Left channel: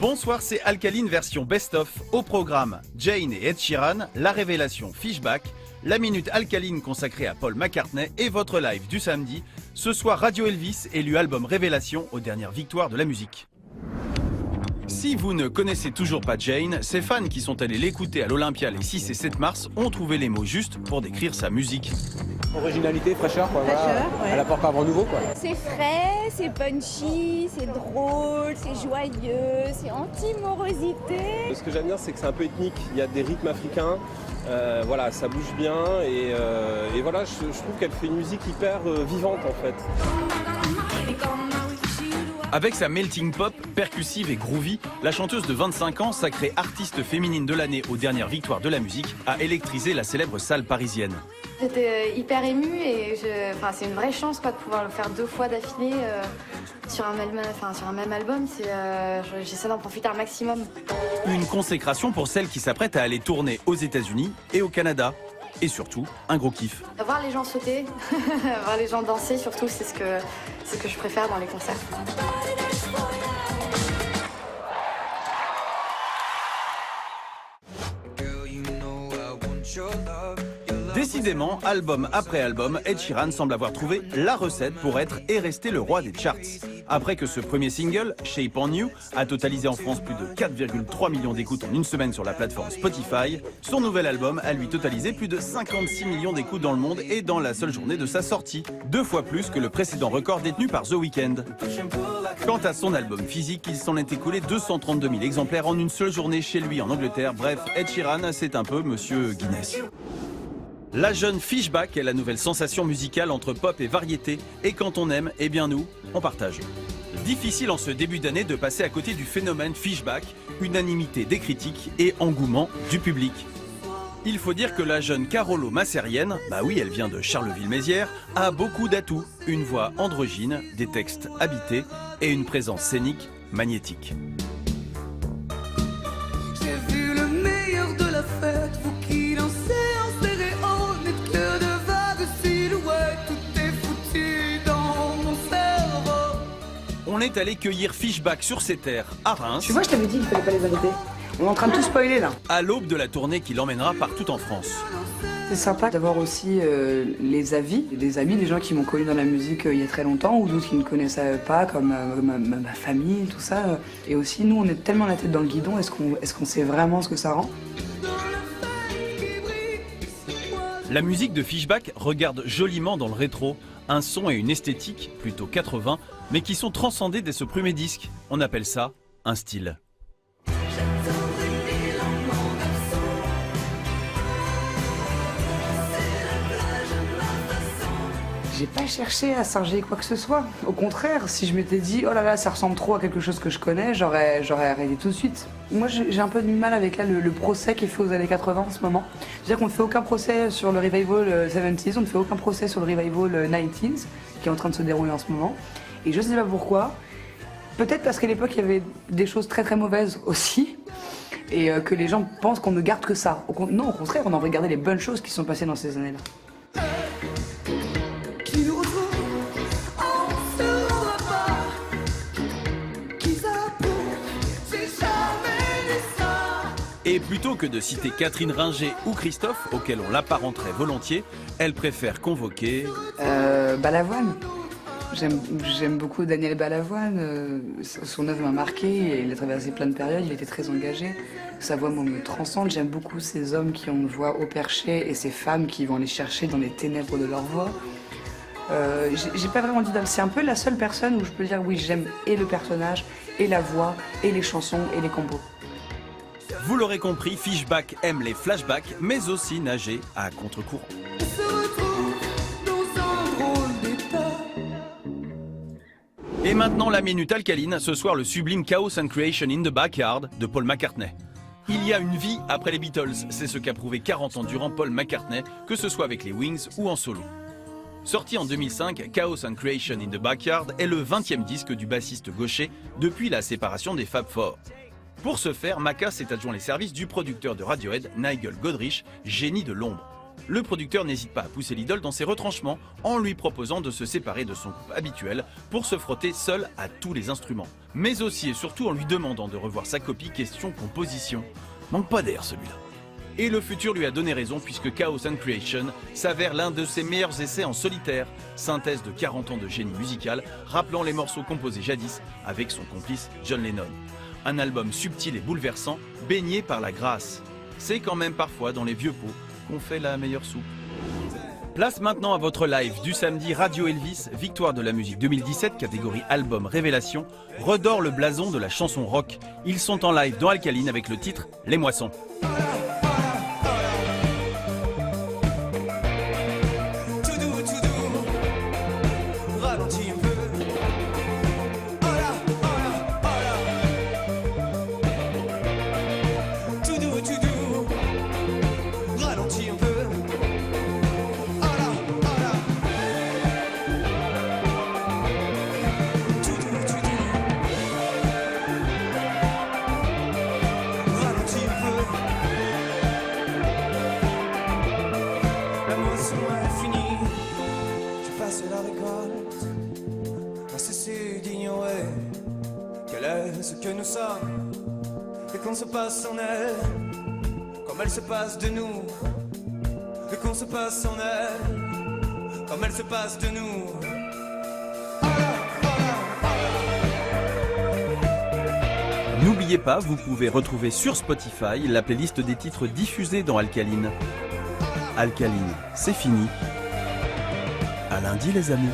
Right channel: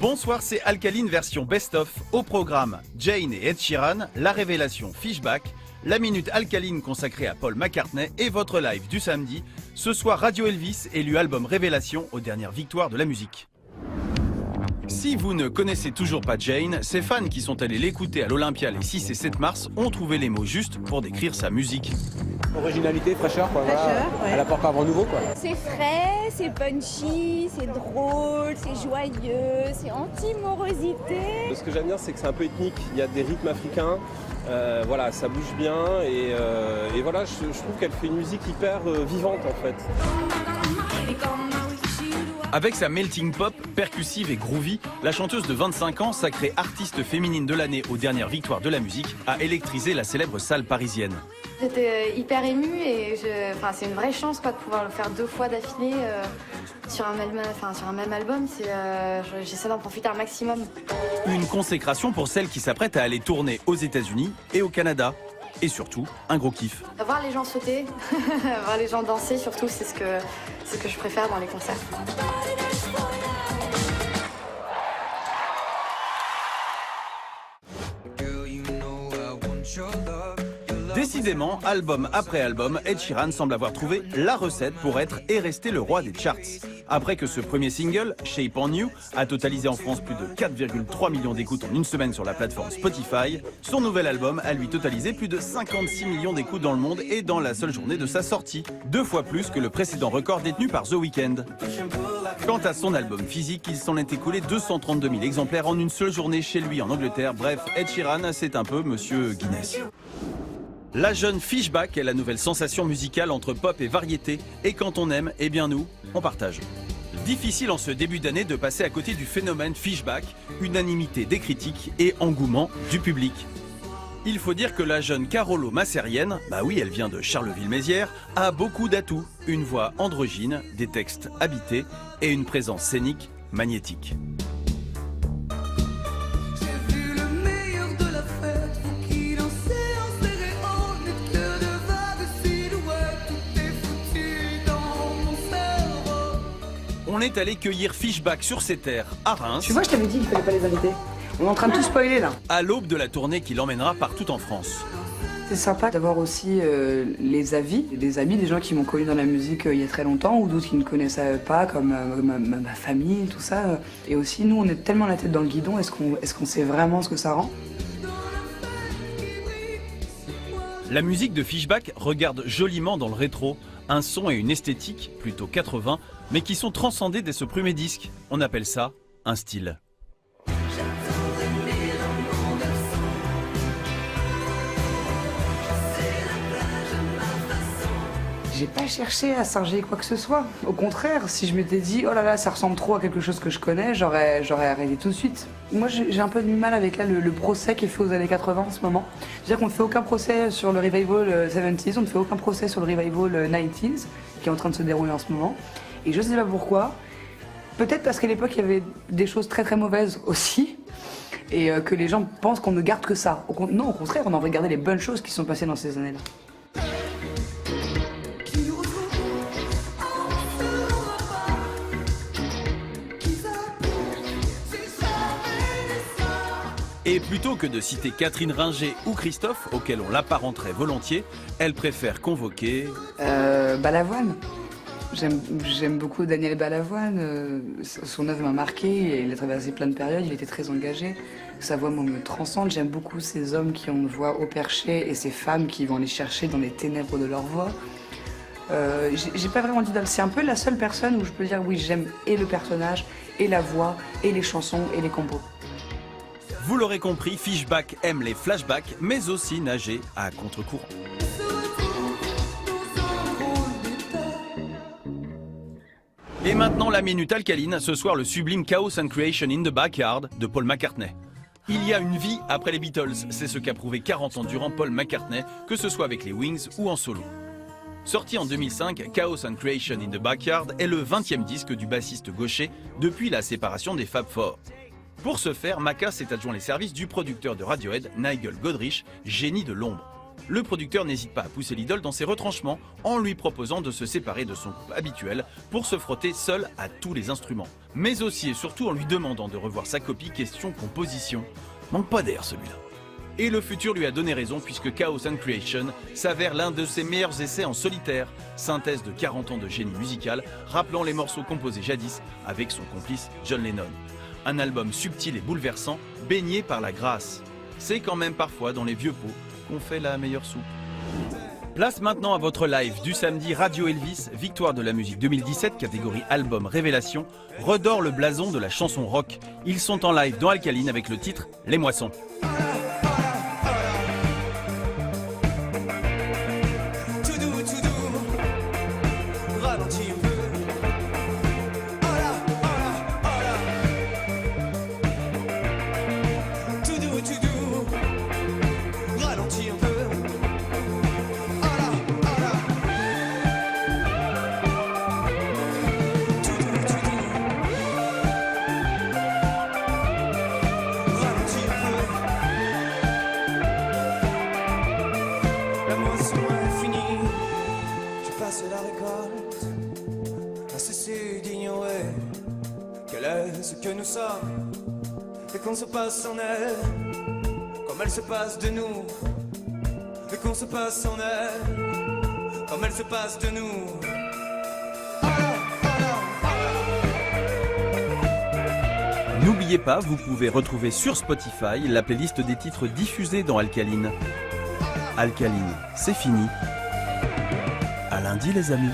Bonsoir, c'est Alkaline version best-of. Au programme, Jane et Ed Sheeran, la révélation Fishback, la minute Alkaline consacrée à Paul McCartney et votre live du samedi. Ce soir, Radio Elvis élu album révélation aux dernières victoires de la musique. Si vous ne connaissez toujours pas Jane, ses fans qui sont allés l'écouter à l'Olympia les 6 et 7 mars ont trouvé les mots justes pour décrire sa musique. Originalité, fraîcheur, quoi. Fraîcheur, ouais. Elle apporte un vent nouveau, quoi. C'est frais, c'est punchy, c'est drôle, c'est joyeux, c'est anti-morosité. Ce que j'aime bien, c'est que c'est un peu ethnique. Il y a des rythmes africains, voilà, ça bouge bien et voilà, je trouve qu'elle fait une musique hyper vivante en fait. Avec sa melting pop, percussive et groovy, la chanteuse de 25 ans, sacrée artiste féminine de l'année aux dernières victoires de la musique, a électrisé la célèbre salle parisienne. J'étais hyper émue et c'est une vraie chance quoi, de pouvoir le faire 2 fois d'affilée sur un même album. J'essaie d'en profiter un maximum. Une consécration pour celle qui s'apprête à aller tourner aux États-Unis et au Canada. Et surtout, un gros kiff. Voir les gens sauter, voir les gens danser surtout, c'est ce que je préfère dans les concerts. Décidément, album après album, Ed Sheeran semble avoir trouvé la recette pour être et rester le roi des charts. Après que ce premier single, Shape on You, a totalisé en France plus de 4,3 millions d'écoutes en une semaine sur la plateforme Spotify, son nouvel album a lui totalisé plus de 56 millions d'écoutes dans le monde et dans la seule journée de sa sortie, 2 fois plus que le précédent record détenu par The Weeknd. Quant à son album physique, il s'en est écoulé 232 000 exemplaires en une seule journée chez lui en Angleterre. Bref, Ed Sheeran, c'est un peu Monsieur Guinness. La jeune Fishback est la nouvelle sensation musicale entre pop et variété. Et quand on aime, eh bien nous, on partage. Difficile en ce début d'année de passer à côté du phénomène Fishback, unanimité des critiques et engouement du public. Il faut dire que la jeune Carolo Masserienne, bah oui, elle vient de Charleville-Mézières, a beaucoup d'atouts. Une voix androgyne, des textes habités et une présence scénique magnétique. J'ai vu le meilleur de la fête, vous qui lancez en stéréo, n'êtes que de vagues silhouettes, tout est foutu dans mon cerveau. On est allé cueillir Fishback sur ses terres à Reims. Tu vois, je t'avais dit qu'il fallait pas les inviter. On est en train de tout spoiler là. À l'aube de la tournée qui l'emmènera partout en France. C'est sympa d'avoir aussi les avis des amis, des gens qui m'ont connu dans la musique il y a très longtemps ou d'autres qui ne connaissaient pas, comme ma famille, tout ça. Et aussi, nous, on est tellement la tête dans le guidon, est-ce qu'on sait vraiment ce que ça rend? La musique de Fishback regarde joliment dans le rétro, un son et une esthétique plutôt 80, mais qui sont transcendés dès ce premier disque. On appelle ça un style. J'ai pas cherché à singer quoi que ce soit. Au contraire, si je m'étais dit oh là là, ça ressemble trop à quelque chose que je connais, j'aurais arrêté tout de suite. Moi, j'ai un peu de mal avec là, le procès qui est fait aux années 80 en ce moment. C'est-à-dire qu'on ne fait aucun procès sur le revival 70s, on ne fait aucun procès sur le revival 90s qui est en train de se dérouler en ce moment. Et je sais pas pourquoi. Peut-être parce qu'à l'époque, il y avait des choses très très mauvaises aussi. Et que les gens pensent qu'on ne garde que ça. Non, au contraire, on a regardé les bonnes choses qui sont passées dans ces années-là. Et plutôt que de citer Catherine Ringer ou Christophe, auxquels on l'apparenterait volontiers, elle préfère convoquer... Balavoine. J'aime beaucoup Daniel Balavoine. Son œuvre m'a marqué. Il a traversé plein de périodes. Il était très engagé. Sa voix me transcende. J'aime beaucoup ces hommes qui ont une voix haut perché et ces femmes qui vont les chercher dans les ténèbres de leur voix. J'ai pas vraiment d'idole. C'est un peu la seule personne où je peux dire oui, j'aime et le personnage, et la voix, et les chansons, et les compos. Vous l'aurez compris, Fishback aime les flashbacks, mais aussi nager à contre-courant. Et maintenant la minute alcaline, ce soir le sublime Chaos and Creation in the Backyard de Paul McCartney. Il y a une vie après les Beatles, c'est ce qu'a prouvé 40 ans durant Paul McCartney, que ce soit avec les Wings ou en solo. Sorti en 2005, Chaos and Creation in the Backyard est le 20e disque du bassiste gaucher depuis la séparation des Fab Four. Pour ce faire, Macca s'est adjoint les services du producteur de Radiohead, Nigel Godrich, génie de l'ombre. le producteur n'hésite pas à pousser l'idole dans ses retranchements en lui proposant de se séparer de son groupe habituel pour se frotter seul à tous les instruments. Mais aussi et surtout en lui demandant de revoir sa copie question composition. Manque pas d'air celui-là. Et le futur lui a donné raison puisque Chaos and Creation s'avère l'un de ses meilleurs essais en solitaire, synthèse de 40 ans de génie musical, rappelant les morceaux composés jadis avec son complice John Lennon. Un album subtil et bouleversant, baigné par la grâce. C'est quand même parfois dans les vieux pots qu'on fait la meilleure soupe. Place maintenant à votre live du samedi Radio Elvis, victoire de la musique 2017, catégorie album révélation, redore le blason de la chanson rock. Ils sont en live dans Alkaline avec le titre Les Moissons. Ce que nous sommes et qu'on se passe en elle comme elle se passe de nous et qu'on se passe en elle comme elle se passe de nous. N'oubliez pas, vous pouvez retrouver sur Spotify la playlist des titres diffusés dans Alkaline. Alkaline, c'est fini. À lundi les amis.